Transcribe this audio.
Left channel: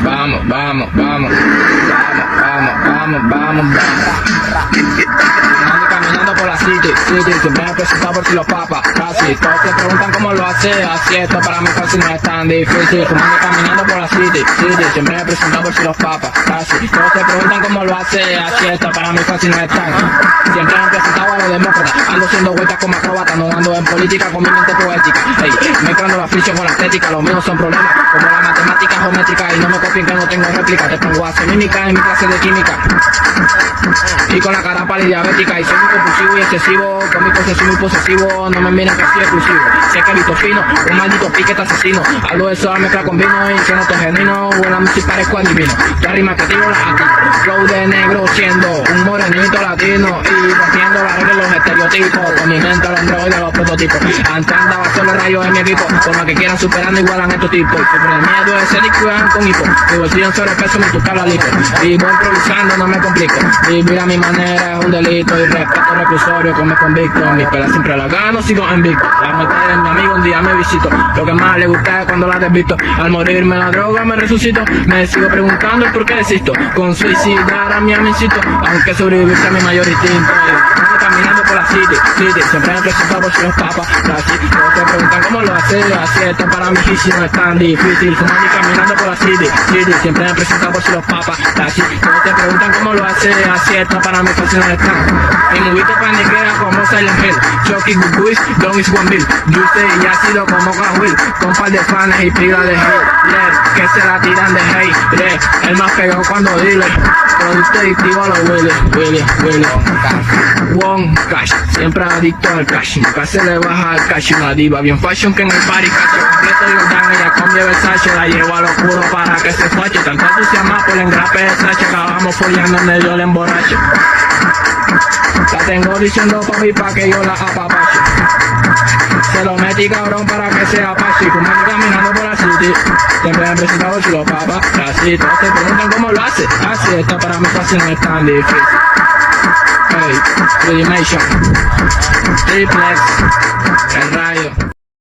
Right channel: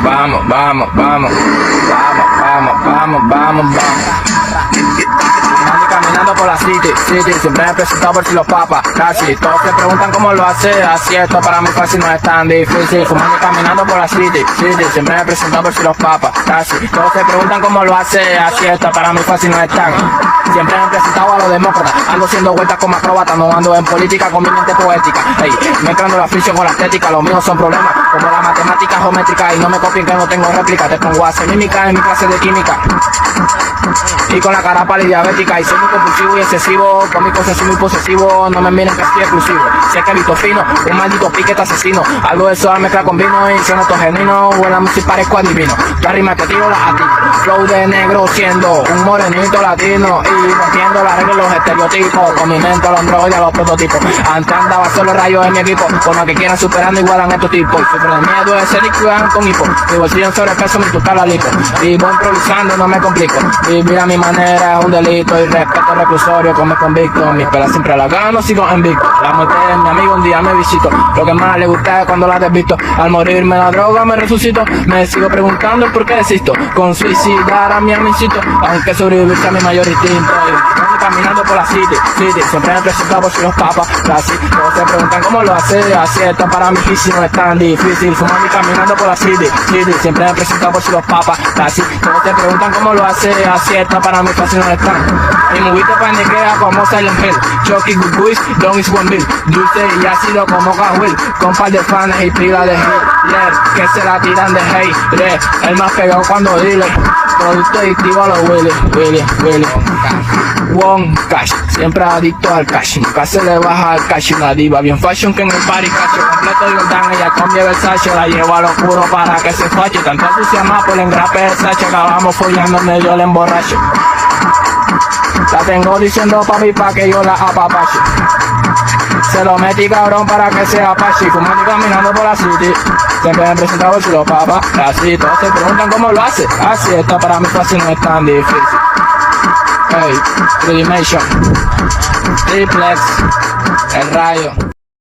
Vamos, vamos, vamos. Vamos, vamos, vamos, vamos, vamos. Ando caminando por la city, siempre me presentado por si los papas, casi. Todos se preguntan cómo lo hace, así esto para mí fácil no es tan difícil. Ando caminando por la city, siempre me presentado por si los papas, casi. Todos se preguntan cómo lo hace, así esto para mí fácil no es tan. Siempre me presentado a los demócratas, ando haciendo vueltas como acróbata, no ando en política con mi mente poética. Hey, mezclando la función con la estética, los míos son problemas, como la matemática geométrica, y no me copien que no tengo réplica, te pongo a mímica en mi clase de química. Y con la cara pálida diabética, y soy muy compulsivo y excesivo, con mi posesivo y posesivo, no me miren que estoy exclusivo. Sé que listo fino, un maldito piquete asesino, hablo de eso al mezclar con vino y suena todo genuino, buena música parezco adivino, la rima que tiro la ati, flow de negro siendo un morenito latino, y rompiendo las reglas y los estereotipos, con mi mente los androides, los prototipos, antes andaba solo rayos en mi equipo, con los que quieran superando igualan a estos tipos, super en medio de ser y cuidan con hipo, mi bolsillo en sobrepeso me toca la lipo, y voy improvisando, no me complico, vivir a mi manera es un delito, y respeto reclusorio que me convicto, mi espera siempre la gano, sigo en visto, la meta de mi amigo un día me visito, lo que más le gusta es cuando la desvisto, al morirme la droga me resucito, me sigo preguntando por qué existo, con suicidar a mi amicito, aunque sobrevivir sea mi mayor instinto, caminando por la city, siempre me presentado por si los papas, casi, todos se preguntan cómo lo hace, así está para mí difícil, no es tan difícil, se me caminando por la city, siempre me presentado por si los papas, casi, todos se preguntan cómo lo hace, así está para mí fácil no es tan, y me viste pandemia como Silent Hill, Chucky Big Boys, Don is One Bill, dulce y ácido como Will, con par de fans y pila de hate, yeah, que se la tiran de hate, yeah, el más pegado cuando dile, producto y tiro a los Willy, One Cash, siempre adicto al cash, nunca se le baja al cash, una diva bien fashion que en el party cacho, completo y organa, ella cambia de sacho, la llevo a lo puro para que se fache, tanto entusiasma por el engrape de sacho, la vamos follando en medio del emborracho. La tengo diciendo papi pa' que yo la apapache. Se lo metí cabrón para que sea pachi. Fumando caminando por la city. Siempre me presentado si los papas. Así todos se preguntan cómo lo hace. Así está para mí fácil no es tan difícil. Hey, Redimation, Triplex, el rayo.